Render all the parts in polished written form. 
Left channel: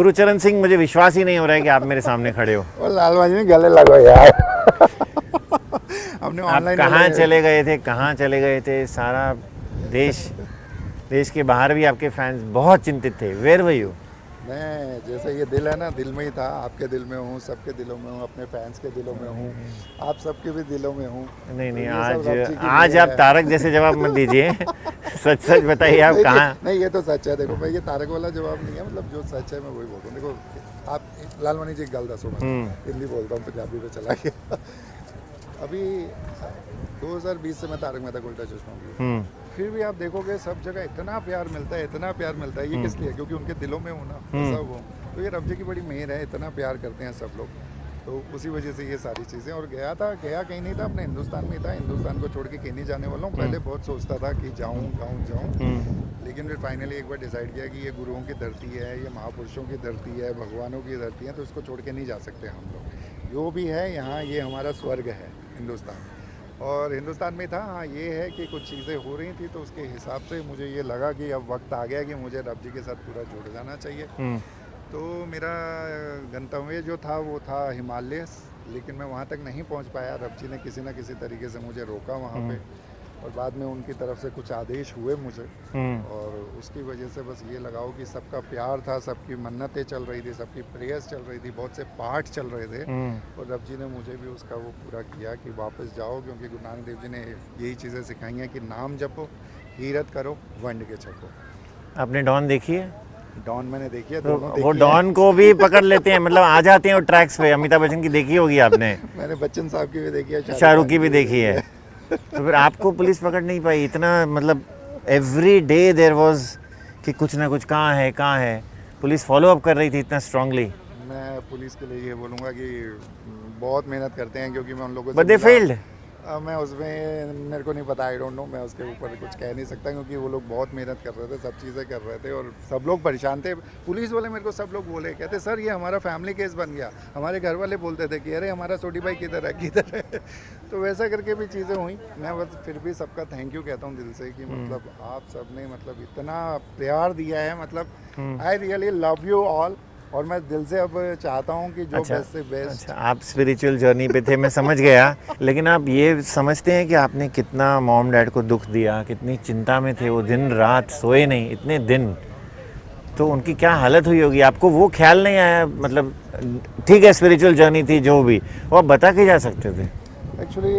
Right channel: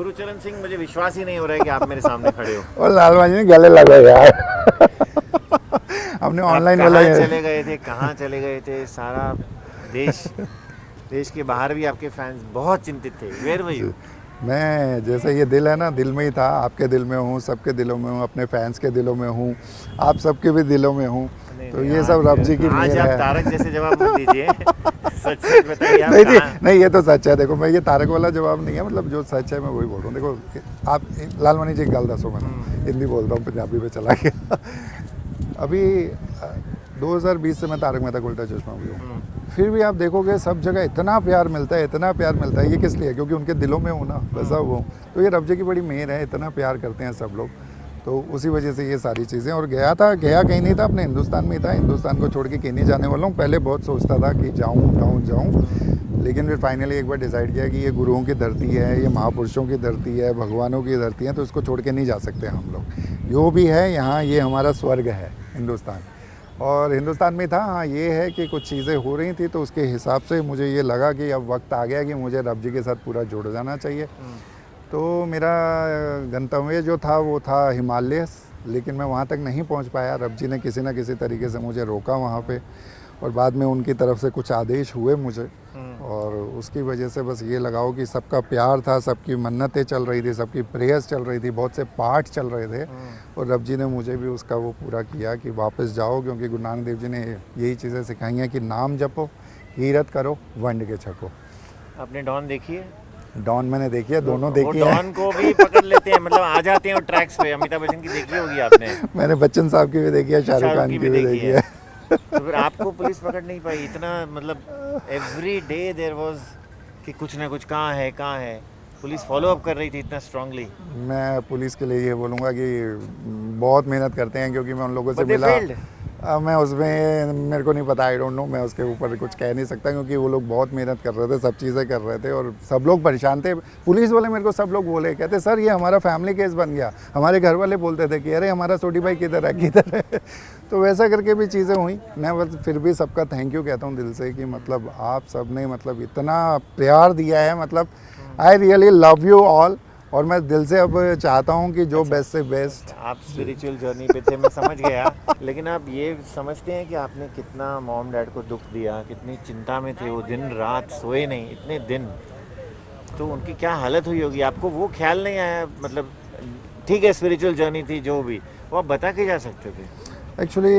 गुरुचरण सिंह, मुझे विश्वास ही नहीं हो रहा है कि आप मेरे सामने खड़े हो। और लालवानी में गले लगे यार। हमने ऑनलाइन कहाँ चले गए थे, कहाँ चले गए थे? सारा देश के बाहर भी आपके फैंस बहुत चिंतित थे। Where were you? मैं जैसे ये दिल है ना, दिल में ही था। आपके दिल में हूँ, सबके दिलों में हूँ, अपने फैंस के दिलों में हूँ, आप सबके भी दिलों में हूँ। नहीं, तो नहीं, ये सब रब जी की आज मेहर आप है। तारक जैसे जवाब मत दीजिए। सच सच बताइए आप कहाँ? नहीं, ये तो सच है। देखो, मैं ये तारक वाला जवाब नहीं है, मतलब जो सच है मैं वही बोल रहा हूँ। देखो, आप लालवानी जी एक गल दसो, मैं हिंदी बोलता हूँ, पंजाबी पे चला गया। अभी 2020 से मैं तारक मेहता का उल्टा चश्मा हूँ। फिर भी आप देखोगे सब जगह इतना प्यार मिलता है, इतना प्यार मिलता है। ये किस लिए? क्योंकि उनके दिलों में हूँ ना, वैसा वो। तो ये रब जी की बड़ी मेहर है, इतना प्यार करते हैं सब लोग। तो उसी वजह से ये सारी चीज़ें। और गया कहीं नहीं था, अपने हिंदुस्तान में ही था। हिंदुस्तान को छोड़ के कहीं नहीं जाने वाला हूँ। पहले बहुत सोचता था कि जाऊँ, लेकिन फिर फाइनली एक बार डिसाइड किया कि ये गुरुओं की धरती है, ये महापुरुषों की धरती है, भगवानों की धरती है, तो इसको छोड़ के नहीं जा सकते हम लोग। जो भी है यहाँ, ये हमारा स्वर्ग है हिंदुस्तान। और हिंदुस्तान में था। हाँ, ये है कि कुछ चीज़ें हो रही थी, तो उसके हिसाब से मुझे ये लगा कि अब वक्त आ गया कि मुझे रब जी के साथ पूरा जुड़ जाना चाहिए। तो मेरा गंतव्य जो था वो था हिमालय, लेकिन मैं वहाँ तक नहीं पहुँच पाया। रब जी ने किसी न किसी तरीके से मुझे रोका वहाँ पे, और बाद में उनकी तरफ से कुछ आदेश हुए मुझे। और उसकी वजह से बस ये लगाओ कि सबका प्यार था, सबकी मन्नतें चल रही थी, सबकी प्रेयर्स चल रही थी, बहुत से पाठ चल रहे थे। और रब जी ने मुझे भी उसका वो पूरा किया कि वापस जाओ, क्योंकि गुरु नानक देव जी ने यही चीज़ें सिखाई हैं कि नाम जपो, कीरत करो, वंड के छको। आपने डॉन देखी है? डॉन मैंने देखी है, दोनों वो देखी है। डॉन को भी पकड़ लेते हैं, मतलब आ जाते हैं वो ट्रैक्स पे। अमिताभ बच्चन की देखी होगी आपने, मैंने बच्चन साहब की भी देखी है, शाहरुख की भी देखी है। तो फिर आपको पुलिस पकड़ नहीं पाई? इतना मतलब एवरी डे देयर वाज कि कुछ ना कुछ, कहाँ है। पुलिस फॉलो अप कर रही थी इतना स्ट्रांगली। मैं पुलिस के लिए ये बोलूँगा कि बहुत मेहनत करते हैं, क्योंकि मैं उन लोगों से बट दे मिला। फेल्ड। मैं उसमें, मेरे को नहीं पता, आई डोंट नो, मैं उसके ऊपर कुछ कह नहीं सकता, क्योंकि वो लोग बहुत मेहनत कर रहे थे, सब चीज़ें कर रहे थे, और सब लोग परेशान थे। पुलिस वाले मेरे को सब लोग बोले, कहते सर ये हमारा फैमिली केस बन गया। हमारे घर वाले बोलते थे कि अरे हमारा सोटी भाई किधर है। तो वैसा करके भी चीज़ें हुई। मैं बस फिर भी सबका थैंक यू कहता हूँ दिल से, कि मतलब आप सब ने मतलब इतना प्यार दिया है, मतलब I really love you all. और मैं दिल से अब चाहता हूँ कि जो बेस्ट से बेस्ट। आप स्पिरिचुअल जर्नी पे थे, मैं समझ गया। लेकिन आप ये समझते हैं कि आपने कितना मॉम डैड को दुख दिया, कितनी चिंता में थे वो, दिन रात सोए नहीं इतने दिन, तो उनकी क्या हालत हुई होगी? आपको वो ख्याल नहीं आया? मतलब ठीक है, स्पिरिचुअल जर्नी थी जो भी, वो आप बता के जा सकते थे। एक्चुअली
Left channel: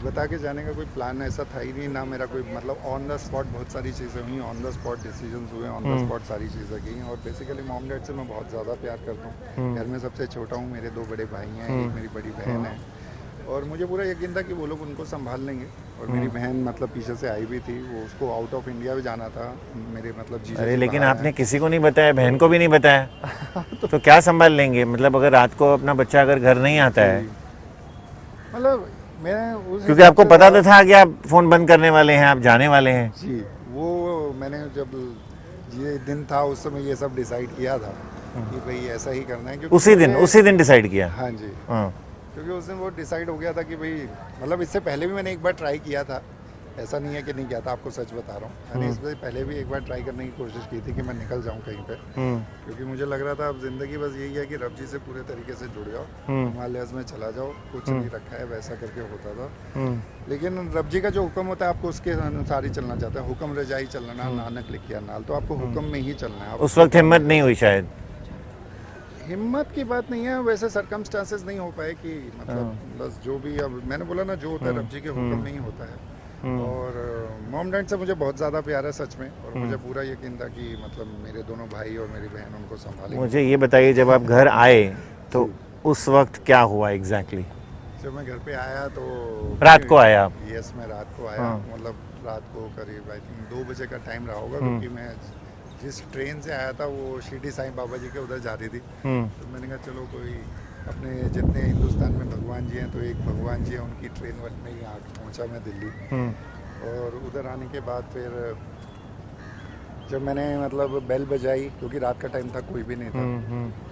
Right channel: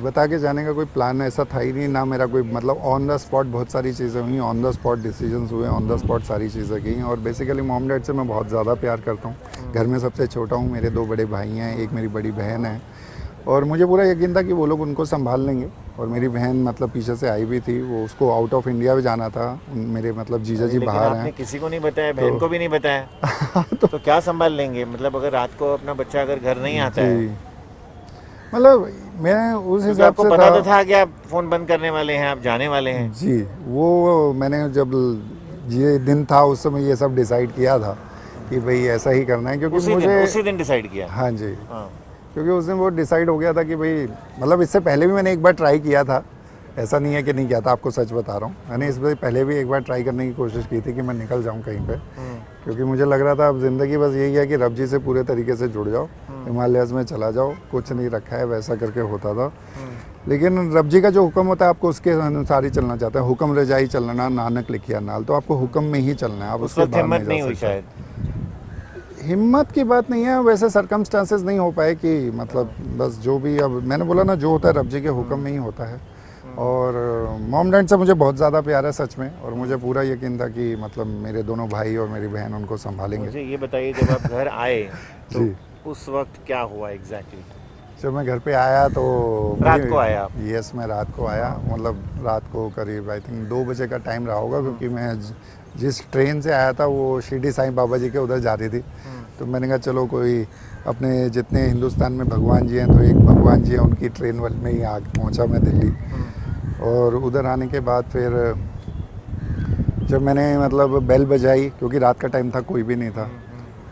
बता के जाने का कोई प्लान ऐसा था ही नहीं ना मेरा कोई, मतलब ऑन द स्पॉट बहुत सारी चीज़ें हुई, ऑन द स्पॉट डिसीजंस हुए, ऑन द स्पॉट सारी चीज़ें की। और बेसिकली मॉम डैड से मैं बहुत ज़्यादा प्यार करता हूँ। घर में सबसे छोटा हूँ, मेरे 2 बड़े भाई हैं, एक मेरी बड़ी बहन है, और मुझे पूरा यकीन था कि वो लोग उनको संभाल लेंगे। और मेरी बहन मतलब पीछे से आई भी थी, वो उसको आउट ऑफ इंडिया भी जाना था, मेरे मतलब जीजा जी लेकिन बाहर आपने हैं। किसी को नहीं बताया, बहन को भी नहीं बताया, तो क्या संभाल लेंगे? मतलब अगर रात को अपना बच्चा अगर घर नहीं आता है, मतलब मैं उस क्योंकि आपको पता तो था कि आप फोन बंद करने वाले हैं, आप जाने वाले हैं। जी, वो मैंने जब ये दिन था उस समय ये सब डिसाइड किया था कि भाई ऐसा ही करना है, क्योंकि उसी दिन डिसाइड किया? हाँ जी, हाँ। क्योंकि उस दिन वो डिसाइड हो गया था कि भाई, मतलब इससे पहले भी मैंने एक बार ट्राई किया था, ऐसा नहीं है कि नहीं किया था, आपको सच बता रहा हूँ। मैंने इससे पहले भी एक बार ट्राई करने की कोशिश की थी कि मैं निकल जाऊँ कहीं पे, क्योंकि मुझे लग रहा था अब ज़िंदगी बस यही है कि रब जी से पूरे तरीके से जुड़ जाओ, हिमालयस में चला जाओ, कुछ नहीं रखा है, वैसा करके होता था। लेकिन रब जी का जो हुक्म होता है आपको उसके अनुसार ही चलना चाहता है। हुक्म रजाई चलना, नानक लिखिया नाल, तो आपको हुक्म में ही चलना है। उस वक्त हिम्मत नहीं हुई शायद? हिम्मत की बात नहीं है, वैसे सरकमस्टांसेस नहीं हो पाए कि मतलब बस जो भी, अब मैंने बोला ना, जो होता है रब जी के हुक्म में ही होता है। और मॉम डैड से मुझे बहुत ज़्यादा प्यार है सच में, और मुझे पूरा यकीन था कि मतलब मेरे दोनों भाई और मेरी बहन उनको संभालेंगे। मुझे ये बताइए, जब आप घर आए तो उस वक्त क्या हुआ एग्जैक्टली? जब मैं घर पे आया तो रात को आया आप? यस, मैं रात को आया। मतलब रात को करीब आई थिंक 2 बजे का टाइम रहा होगा, क्योंकि मैं जिस ट्रेन से आया था वो शिरडी साईं बाबा जी के उधर जा रही थी। तो मैंने कहा चलो, कोई अपने जितने हिंदुस्तान में भगवान जी हैं, तो एक भगवान जी हैं, उनकी ट्रेन में ही पहुंचा मैं दिल्ली। और उधर आने के बाद फिर जब मैंने मतलब बेल बजाई, क्योंकि रात का टाइम था, कोई भी नहीं था,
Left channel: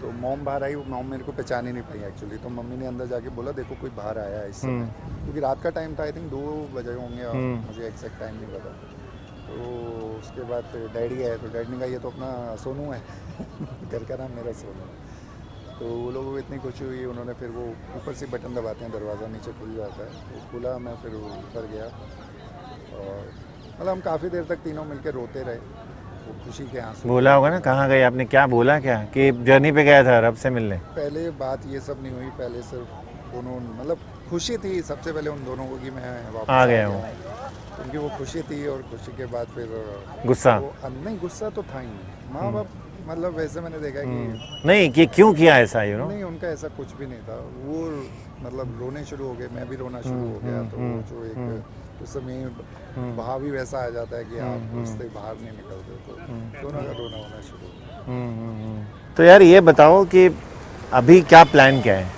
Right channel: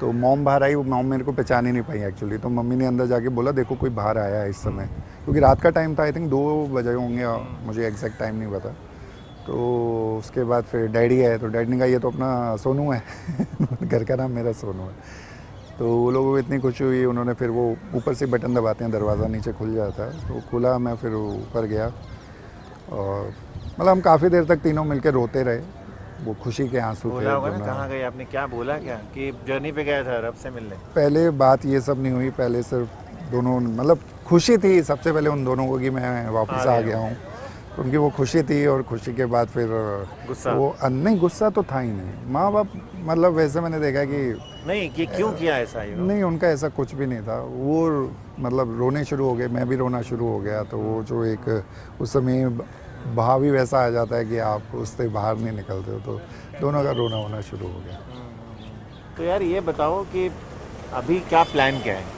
तो मॉम बाहर आई। मॉम मेरे को पहचान ही नहीं पाई एक्चुअली, तो मम्मी ने अंदर जाके बोला देखो कोई बाहर आया है इस समय, क्योंकि रात का टाइम था, आई थिंक 2 बजे होंगे, मुझे एग्जैक्ट टाइम नहीं पता। तो उसके बाद फिर डैडी आए, तो डैडी ने कहा ये तो अपना सोनू है घर का नाम मेरा सोनू है। तो वो लोगों को इतनी खुशी हुई, उन्होंने फिर वो ऊपर से बटन दबाते हैं, दरवाज़ा नीचे खुल जाता है, तो खुला, मैं फिर ऊपर गया और मतलब हम काफ़ी देर तक तीनों मिलकर रोते रहे, वो खुशी के आंसू। बोला होगा ना कहाँ गए आपने, क्या बोला, क्या कि जर्नी पे गया था रब से मिलने? पहले बात ये सब नहीं हुई, पहले सिर्फ दोनों मतलब खुशी थी सबसे पहले उन दोनों को कि मैं वापस आ गया हूँ, तो उनकी वो खुशी थी। और खुशी के बाद फिर गुस्सा? वो नहीं, गुस्सा तो था ही नहीं। माँ बाप मतलब वैसे मैंने देखा कि नहीं कि क्यों किया ऐसा, यू नो? नहीं, उनका ऐसा कुछ भी नहीं था। वो मतलब रोने शुरू हो गए, मैं भी रोना शुरू हो गया, तो वो जो एक उस समय भाव ही वैसा आ जाता है कि आप उससे बाहर नहीं निकलते हो, तो दोनों का रोना होना शुरू हो गया। तो यार ये बताओ कि अभी क्या प्लान क्या है?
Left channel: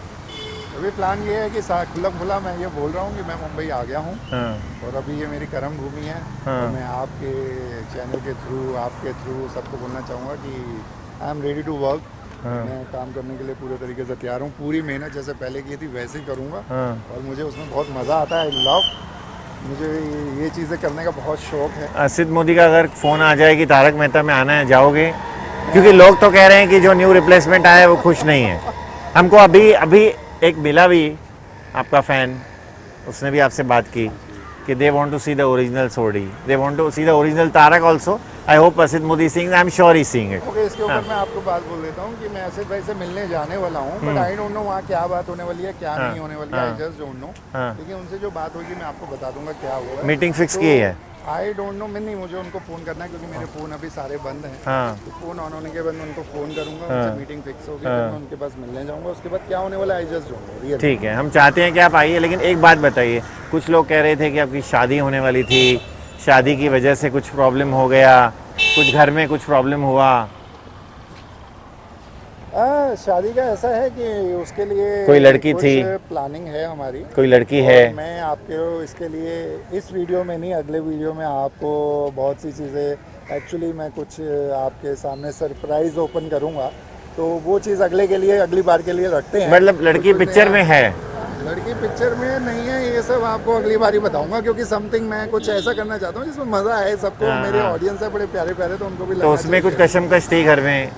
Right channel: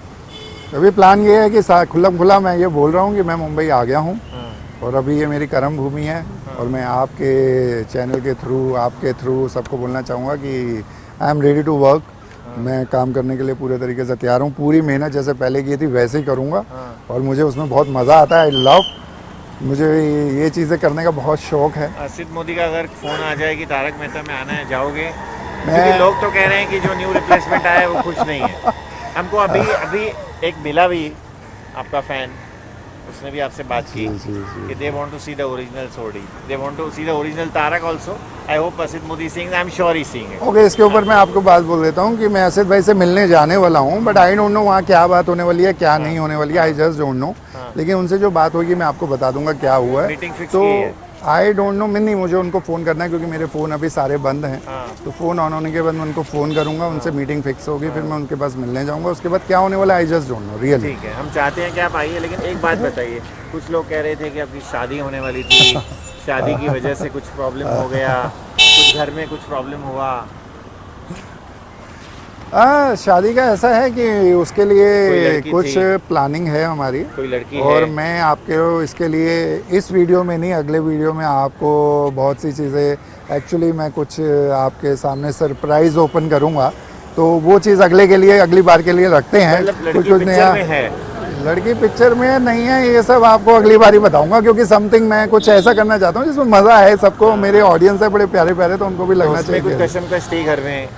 अभी प्लान ये है कि खुल्लम खुला मैं ये बोल रहा हूँ कि मैं मुंबई आ गया हूँ, हाँ, और अभी ये मेरी कर्म भूमि है। और मैं आपके चैनल के थ्रू, आपके थ्रू सबको बोलना चाहूँगा कि I am ready to work. मैं काम करने के लिए पूरे तरीके से तैयार हूँ, पूरी मेहनत जैसे पहले की थी वैसे ही करूँगा, और मुझे उसमें बहुत मज़ा आता है। आई लव, मुझे ये चीज़ें करने का बहुत शौक है। असित मोदी का अगर फ़ोन आ जाए कि तारक मेहता में आना है, जाओगे? क्योंकि लोग तो कह रहे हैं कि जो न्यू रिप्लेसमेंट आया है वो खुश नहीं है। हमको अभी एक मिला भी आपका फैन, उसने भी आपसे बात की कि they want to see the original Sodhi, they want to see the original Tarak also. I hope Asit Modi sing, I am sure he sing it. Okay, इसके ऊपर मैं आपको बात बोल देता हूँ कि मैं असित भाई से मिलने जाने वाला हूँ, बट आई डोंट नो वहाँ क्या बात होने वाली है, क्या नहीं होने वाली है, आई जस्ट डोंट नो। लेकिन उनसे जो बात होगी मैं आपको बता दूंगा क्या हुआ है। मीटिंग फिक्स की है? आई डोंट नो, मैं नहीं, मुझे उनको फ़ोन करना है क्योंकि मेरे फ़ोन अभी सारे बंद हैं। तो फ़ोन ऑन होने के बाद मैं उनको फ़ोन करूंगा, उनसे मीटिंग फिक्स होगी, फिर मैं उनके पास मिलने जाऊंगा। उसके बाद क्या होने वाला I just don't know real. ठीक है, हम चाहते हैं कि आप आइए, लेकिन एक बात बताइए, कुछ लोग कह रहे थे कि आपकी शादी होने वाली थी, शादी की वजह से कुछ प्रॉब्लम हो गया, कुछ घर में कुछ प्रॉब्लम हुआ। शादी का ऐसा है कि उसके लिए कोई लड़की कुछ थी? प्लानिंग है हमारी, कोई लड़की और है? मैं आपके इसके लिए इस वीडियो में नहीं, अगले वीडियो में आपको बहुत सी चीज़ें एक्चुअली मैं कुछ आपके सामने सरप्राइज ओपन करूंगा, तो वो चीज़ अगले के लिए, अगली बार के लिए रखते हैं। मतलब लड़की पिक्चर में है? लड़की पिक्चर में नहीं है, ये सब आपको अगली बार ही बताऊंगा, क्योंकि समथिंग मैं कुछ ऐसा करना चाहता हूँ जिसमें मज़ा है सबको। मेरे ऑडियंस है बड़े प्यारे प्यारे, तो उनको भी तो लगना उसमें चाहिए। कुछ कशमकश थी घर में?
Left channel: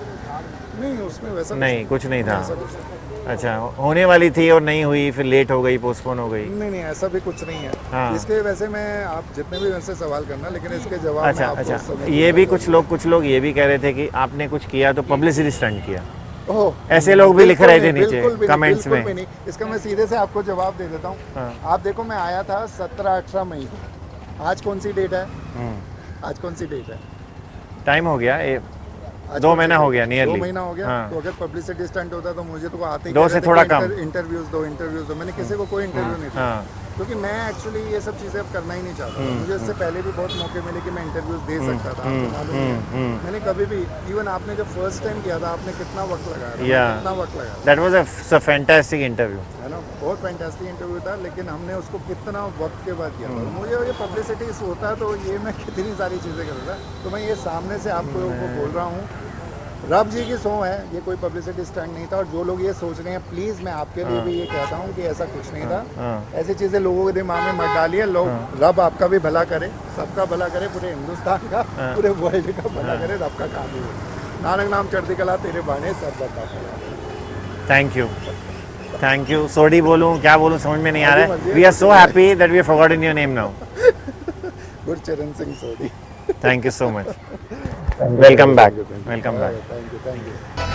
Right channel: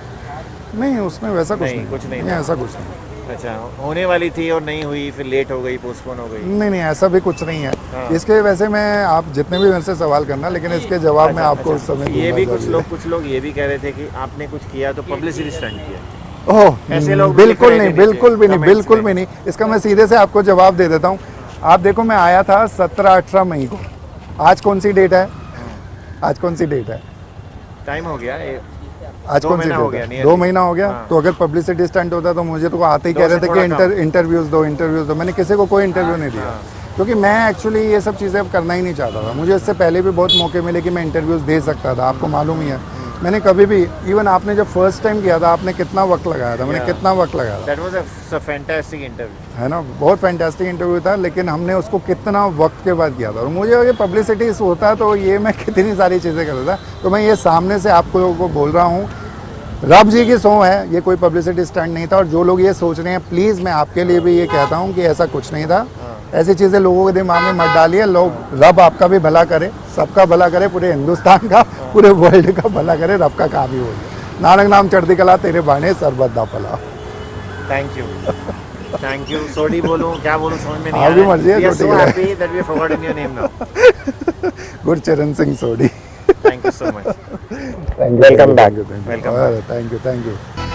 नहीं, उसमें वैसा कुछ नहीं था। ऐसा कुछ नहीं। अच्छा, होने वाली थी और नहीं हुई, फिर लेट हो गई, पोस्टपोन हो गई? नहीं, ऐसा भी कुछ नहीं है। हाँ। इसके वैसे मैं, आप जितने भी मेरे से सवाल करना, लेकिन इसके जवाब मैं आपको उस समय ये भी दूंगा। कुछ लोग ये भी कह रहे थे कि आपने कुछ किया तो पब्लिसिटी स्टंट किया। ओह, ऐसे लोग भी लिख बिल्कुल रहे थे नहीं, नीचे, बिल्कुल भी नहीं, comments बिल्कुल में। भी नहीं। इसका मैं सीधे से आपको जवाब दे देता हूँ। आप देखो, मैं आया था 17-18 मई को। आज कौन सी डेट है? आज कौन सी डेट है? टाइम हो गया, आज 2 कौन सी महीना डेट हो है? गया, nearly। 2 महीना हो गया। हाँ। तो अगर पब्लिसिटी स्टंट होता तो मुझे तो आते ही 2 कह से रहे थे थोड़ा कि इंटरव्यूज दो। मैंने किसी को कोई इंटरव्यू नहीं दिया, क्योंकि मैं एक्चुअली ये सब चीज़ें अब करना ही नहीं चाहता था। मुझे इससे पहले भी बहुत मौके मिले कि मैं इंटरव्यूज दे सकता था, आपको मालूम ही है। मैंने कभी भी, इवन आपने जब फर्स्ट टाइम किया था, आपने कितना वक्त लगाया था, मैंने कितना वक्त लगाया था। That was a fantastic interview, है ना, बहुत फैंटास्टिक इंटरव्यू था, लेकिन हमने उसको कितना वक्त के बाद किया था। और मुझे ये पब्लिसिटी होता तो ये मैं कितनी सारी चीज़ें करता था। तो मैं ये सामने से आपको बोल रहा हूँ, रब जी की सौ है, ये कोई पब्लिसिटी स्टंट नहीं था। और जो लोग ये सोच रहे हैं, प्लीज़ मैं आपके लिए भी ये कहता हूँ कि ऐसा कुछ नहीं था। ऐसी चीज़ें लोगों के दिमाग में मत डालिए। लोग, रब आपका भी भला करे, सबका भला करे, पूरे हिंदुस्तान का, पूरे वर्ल्ड का भला करे, रब का काम ही हो गया। नानक नाम चढ़ती कला, तेरे बाणे सरबत दा फला। Thank you. सोडी बोलूं, क्या बोलूं, समझ में नहीं आ रहा है। We are so happy that we have forgotten your name now. Gurcharan Singh Sodhi. Thank you so much. Welcome back. Thank you.